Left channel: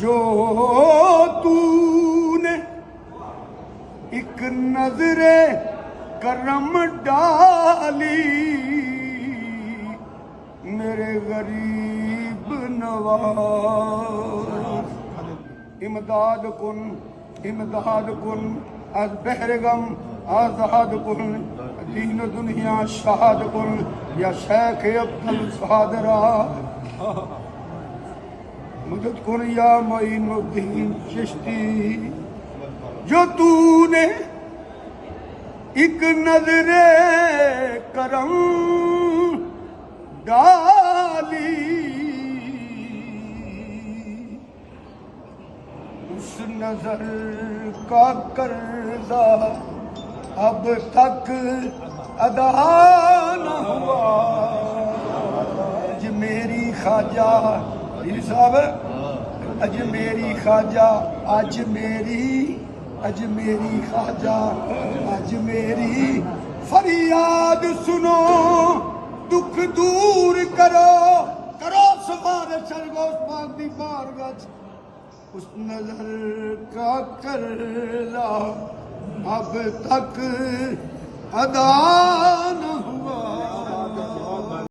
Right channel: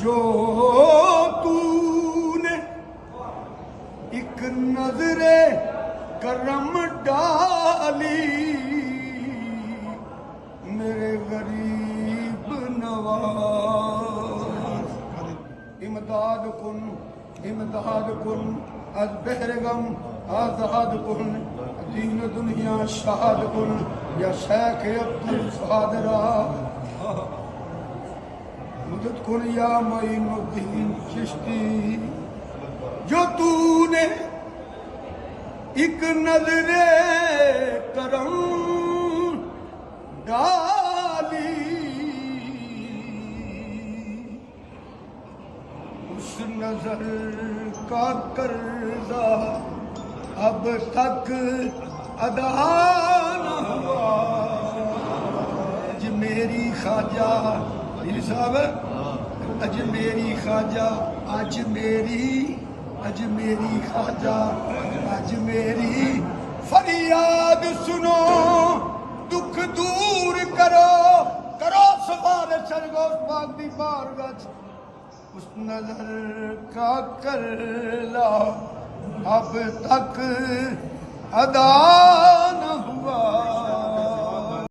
جو تو نے ایک نظر کرم ڈالی میرے غریب نواز امداد کن از بحر غم آزاد کن دین دنیا شہاد کن یا شیخ عبدالقادر مدد کن یا معین الدین چشتی جو تو نے ایک نظر کرم ڈالی اس نظر کا قرضہ اب تک ادا نہ ہوا اجمیری خواجہ صاحب اجمیری خواجہ اجمیری خواجہ اجمیری فریاد سنو دکھ دور کرو سفارش غوث پاک دی بارگاہ اس نظر کا قرضہ اب تک ادا نہ ہوا